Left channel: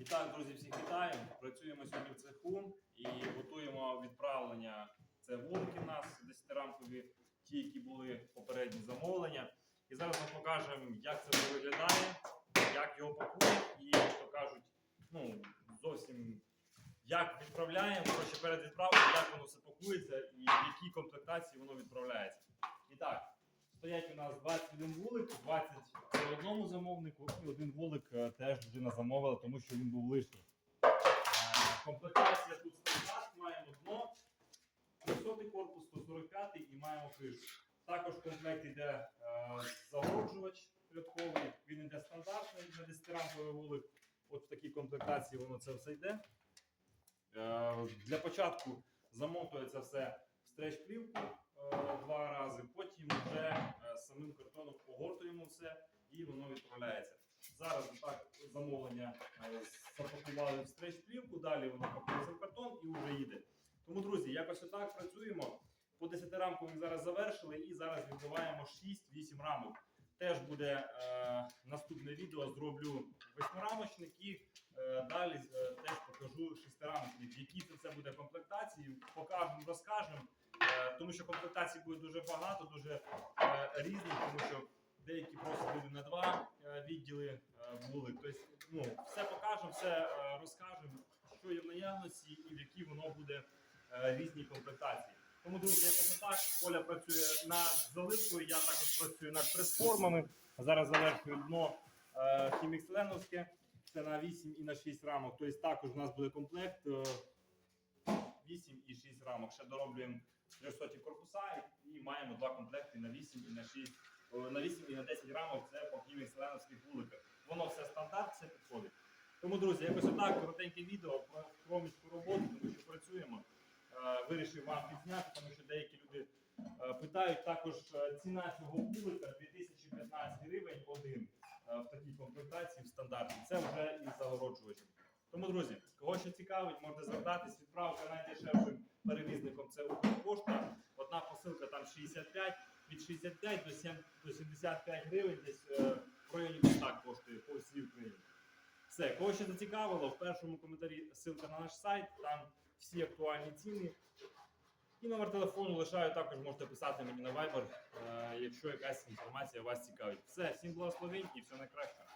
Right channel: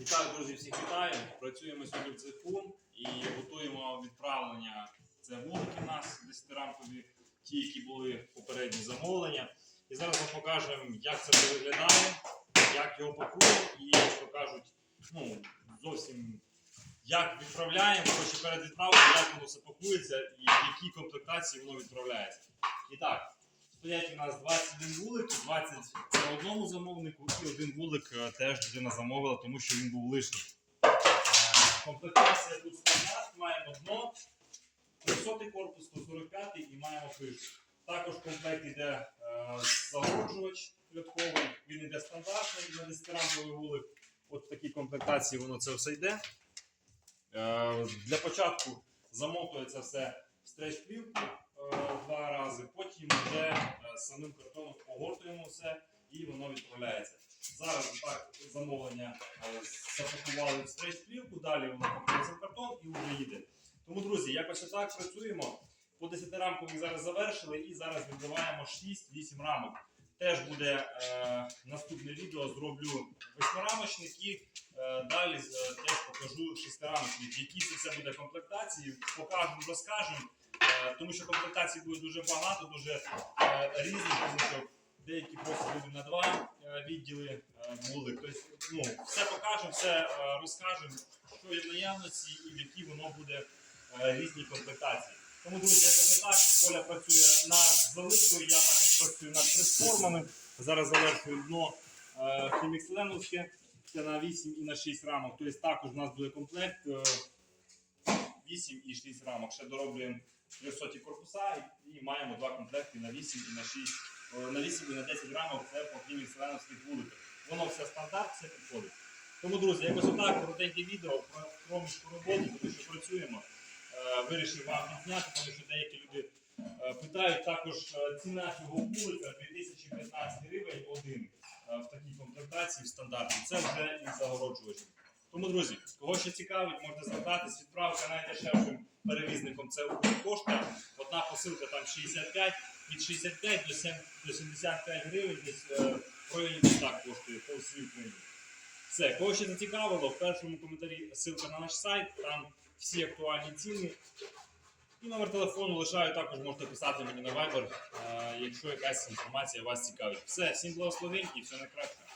Вітаю, друзі, всіх вітаю. Працюємо сьогодні в цеху і готуємо відправлення. Це вулики у нас 10-рамкові, ті, які були попередні замовлення. І зараз ми покажемо, як це виглядає, як його пакують і як то кажуть, ну, зовсім як відправляємо, коротше, перед відправкою, як воно все пакується і в якій комплектації воно відправляється. І так, стоять у нас 21 вулик, 20 це одному замовнику, і один вулик е, теж людина замовила, тому що він був лишній. Е, Комплектація тут стандарт, маємо дно, 300 корпус, 145 і маємо кришу. Також комплект йде е, загороджувач рядковий, він йде стандартний на 10-рамковий вулик. От в такій комплектації воно це все йде. Для початку замотується все в стрейч-плівку е, два рази, потім вже е, самим картоном погортуємо все і воно відправляється. Зараз так замовлення е, запакували в стрейч-плівку, далі воно пакується в картон і вже їде. Тому, друзі, якось отак працюємо. По 10-рамкових зараз завершили і зараз відбиваємо 6-8 рамок. Теж буде е, наступне відео, зроблю восьмирамочник і е, далі е, теж покажу шестирамочник. Які це все буде комплектації, покажемо, розкажемо. Е, тому що комплектацій буде дуже багато, дуже е, різних, тому що деякі просто люди на два е, відділи е, були. Тобто, ну, все покажемо, все е, розкажемо, що є в наявності і в які воно буде різні комплектації. Тому, друзі, якось так. Оля працює над заливкою, я також працюю над прес-формами. Зараз завершую дно хіміксленовське. Це на 8 і на 6 рамок. Тобто також у нас буде комплект е, 8 і 6 рамок. Ще дороблюємо 300 корпуса і, маємо два комплекти на 8 і на 6, е, на 8 і на 10 рамок. Це по хіміксленовських вуликах. Воно все стандарт, все підходить. Тому, друзі, якось отак коротеньке відео про проміжку роботи, тому що працюємо. Е, Вирішив вам відзняти, тому що деякі люди е, питають також е, ціна цього вулика 2015 гривень один е, в такій комплектації в стандарті. Це вже і загороджувач. Тому, друзі, кого ще цікавить, можете звертатись. Відправка найдешевшим перевізником це Укрпошта. Одна посилка там 65, від 65 до 7 до 75 гривень, десь е, в районі так коштує по всій Україні. Все, кого ще зацікавило, в першому коментарі ссылка на наш сайт, там всі актуальні ціни. І номер телефону лишаю, також можете писати мені на Viber, е, якщо якась інформація вас цікавить. Все, всім благословень і все найкраще.